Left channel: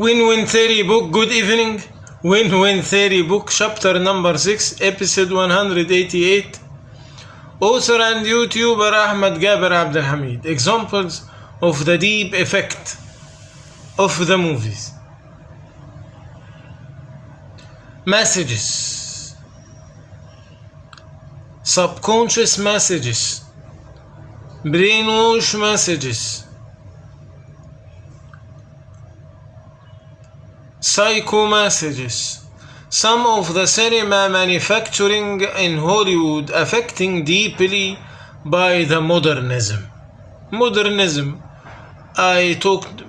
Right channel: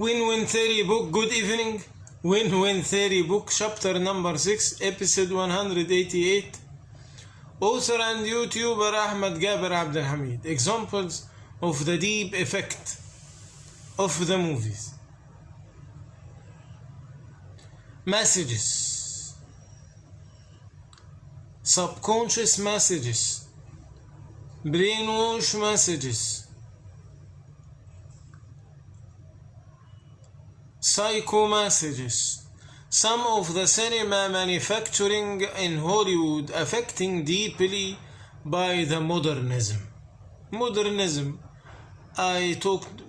Win-Win Theory book, good evening. Win-Win Theory book, chapter number 6, episode 188. Author and YouTuber Ahmed Gaber Abdelhamid. Examples of the deep effect of the movies. Messages. Subconscious messages. Brainwash messages. Psycho messages. Some of the cinema manufacturing in Hollywood affecting deeply by the modernism. Modernism. I talked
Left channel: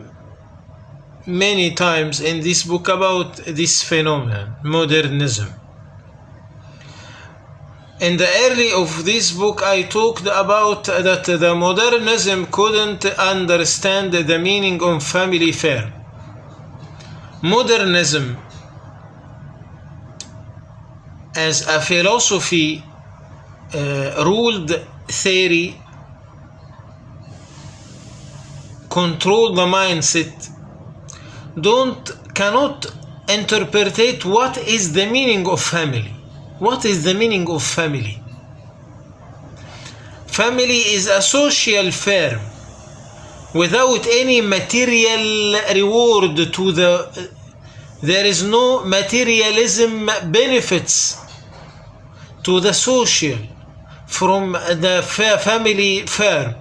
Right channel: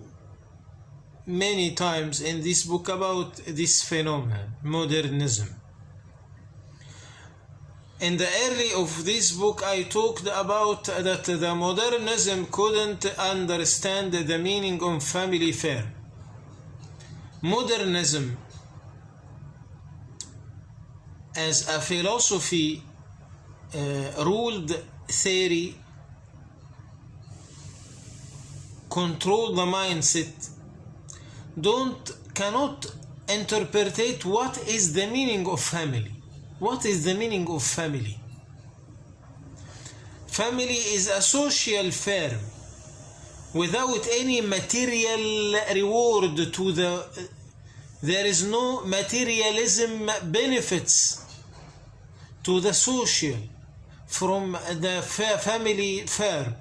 many times in this book about this phenomenon, modernism. In the early of this book, I talked about that the modernism couldn't understand the meaning of family affair. Modernism as a philosophy ruled theory, control the mindset, cannot interpret what is the meaning of family. What is the meaning of family? Family is a social firm without any material reward to there is no materialism benefits to the social from the family firm.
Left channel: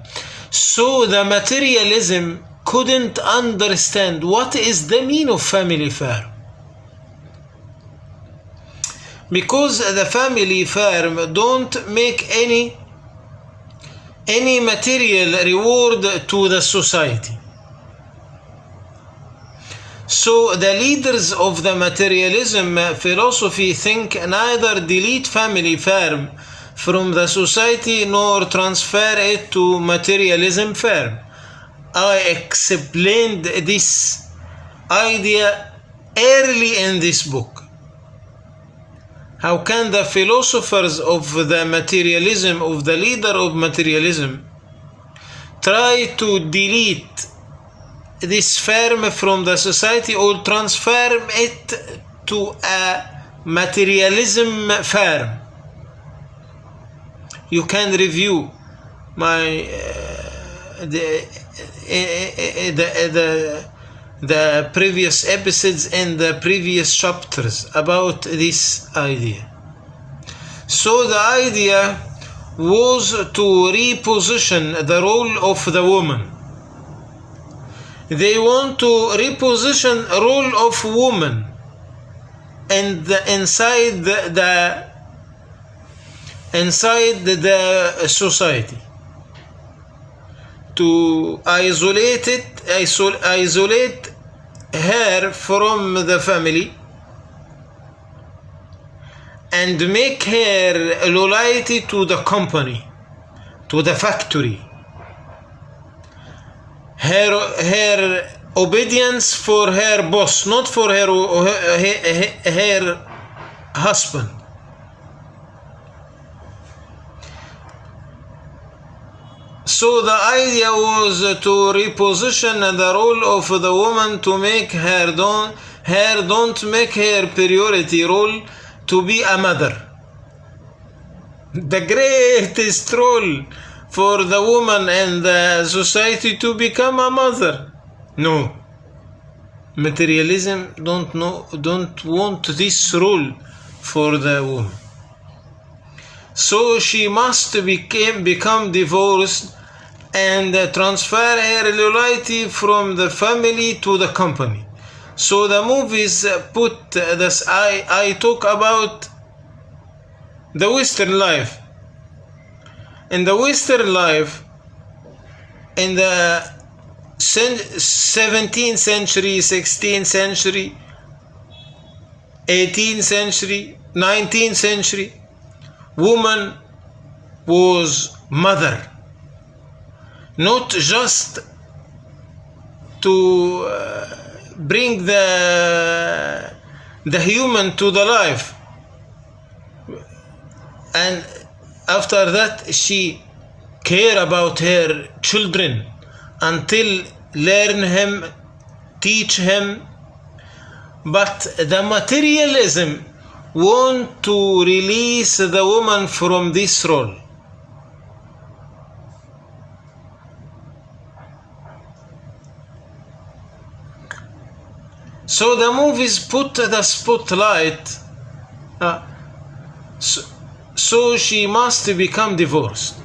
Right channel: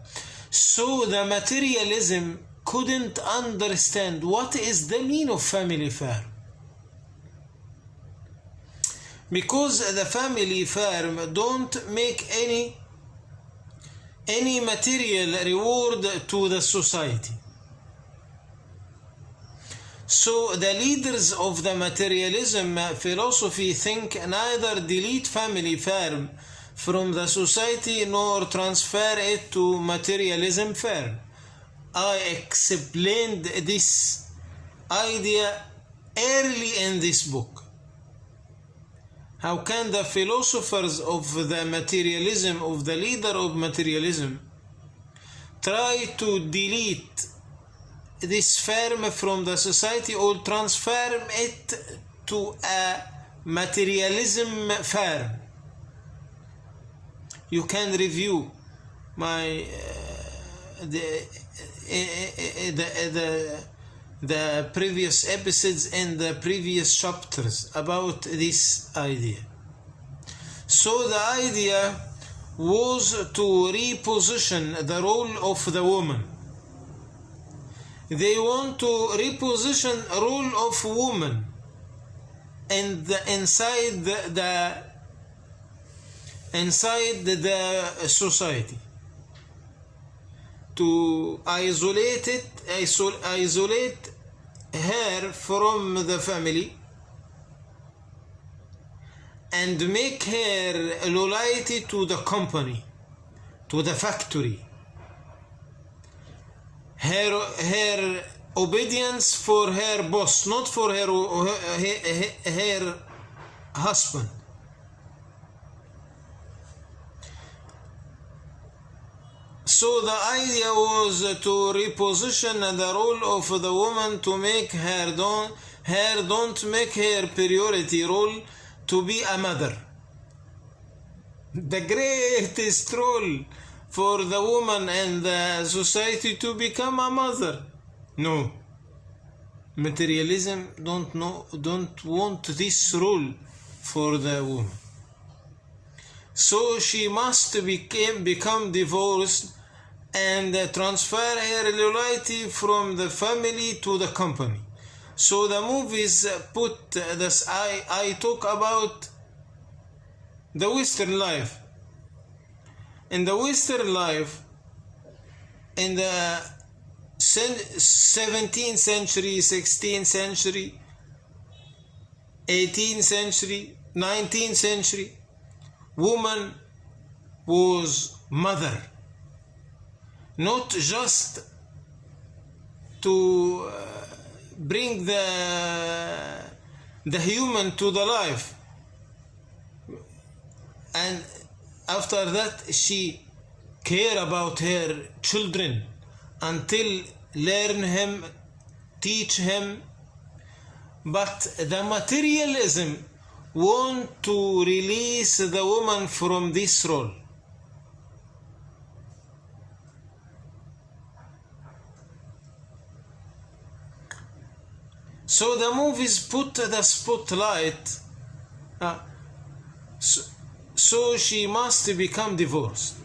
So the materialism couldn't understand what is the meaning of family firm. Because the family firm don't make any material reward to the society. So the leaders of the materialism philosophy think neither delete family firm from the society nor transfer it to materialism firm. I explained this idea early in this book. How can the philosophers of the materialism, of the leader of materialism, try to delete this firm from the society or transfer it to a materialism firm? You can review my the previous episodes and the previous chapters about this idea. So the idea was to reposition the role of the woman. They want to reposition role of woman and inside the society, to isolate her from the family and make her loyalty to the company, to the factory, her obedience for her boss, not for her husband. So the idea was to reposition the role of the woman, to make don't make her priority role to be a mother. The greatest role for the woman and the society to become a mother. No. Materialism don't want this role for the woman. So she must become divorced and transfer her loyalty from the family to the company. So the movies put this. I talk about the Western life. In the Western life, in the 17th century, 16th century, 18th century, 19th century, woman was mother. Not just to bring the human to the life, and after that she care about her children until learn him, teach him, But the materialism want to release the woman from this role. So the movies put the spotlight, so she must become divorced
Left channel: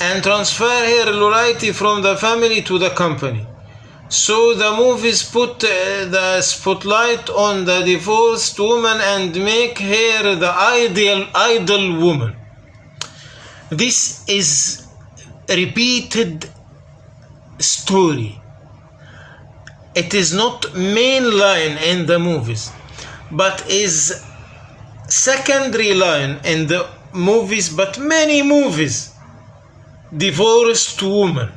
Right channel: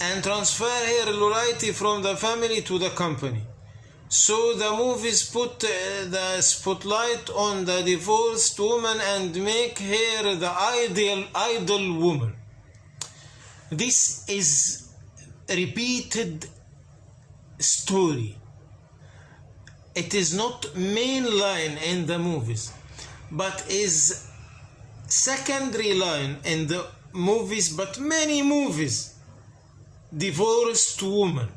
and transfer her loyalty from the family to the company. So the movies put the spotlight on the divorced woman and make her the ideal woman. This is repeated story. It is not main line in the movies, but is secondary line in the movies, but many movies. Divorced woman,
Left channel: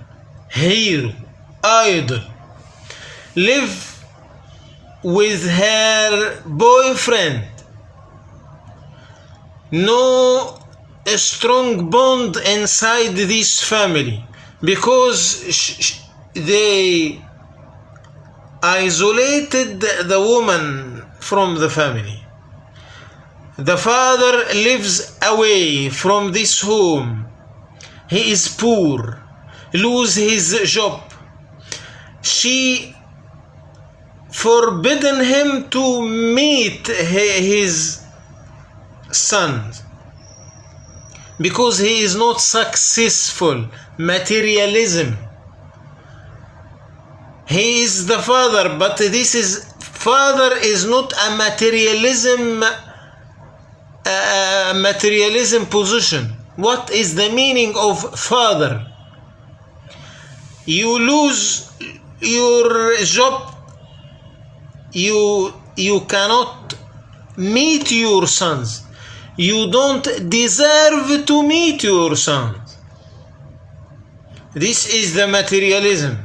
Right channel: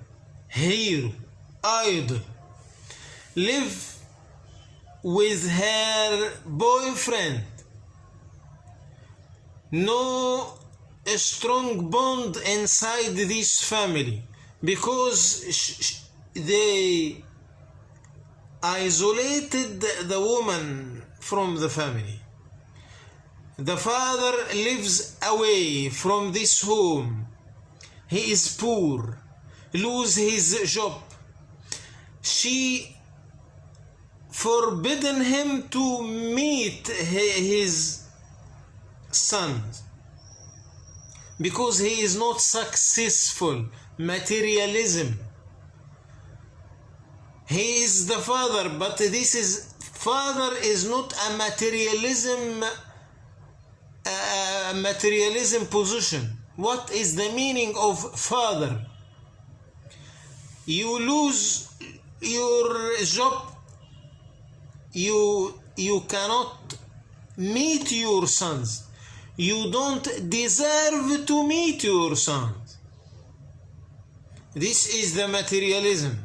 hero, idol, live with her boyfriend. No strong bond inside this family because they isolated the woman from the family. The father lives away from this home. He is poor, lose his job. She forbidden him to meet his sons because he is not successful. Materialism. He is the father, but this is father is not a materialism position. What is the meaning of father? You lose your job, you cannot meet your sons. You don't deserve to meet your sons. This is the materialism.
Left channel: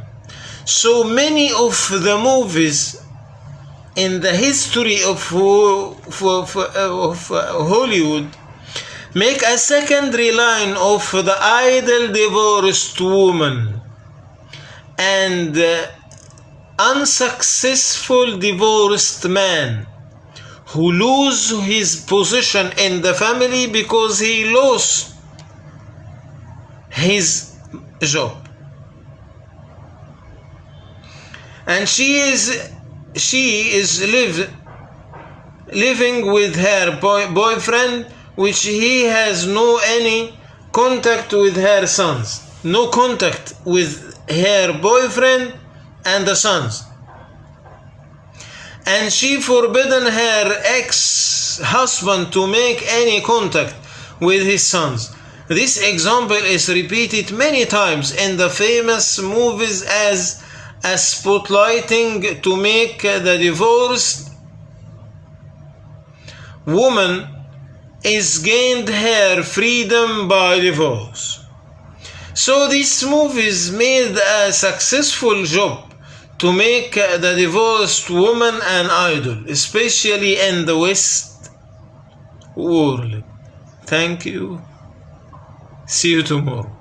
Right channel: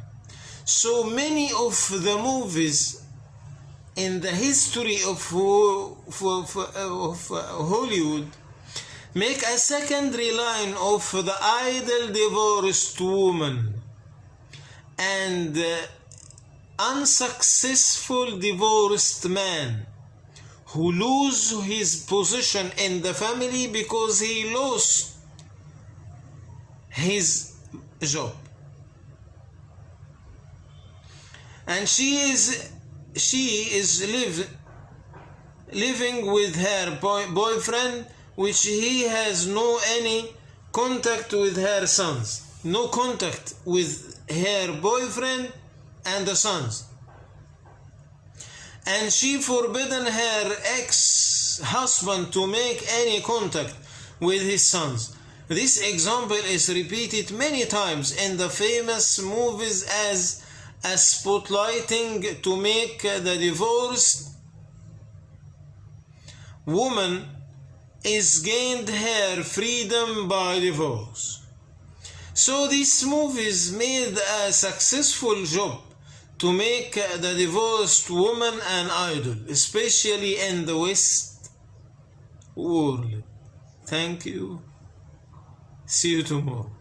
So many of the movies in the history of Hollywood make a secondary line of the idle divorced woman and unsuccessful divorced man who lose his position in the family because he lost his job. And she is living with her boyfriend, which he has no any contact with her sons, no contact with her boyfriend and the sons. And she forbidden her ex-husband to make any contact with his sons. This example is repeated many times in the famous movies as a spotlighting to make the divorced woman is gained her freedom by divorce. So these movies made a successful job to make the divorced woman an idol, especially in the West world. Thank you. See you tomorrow.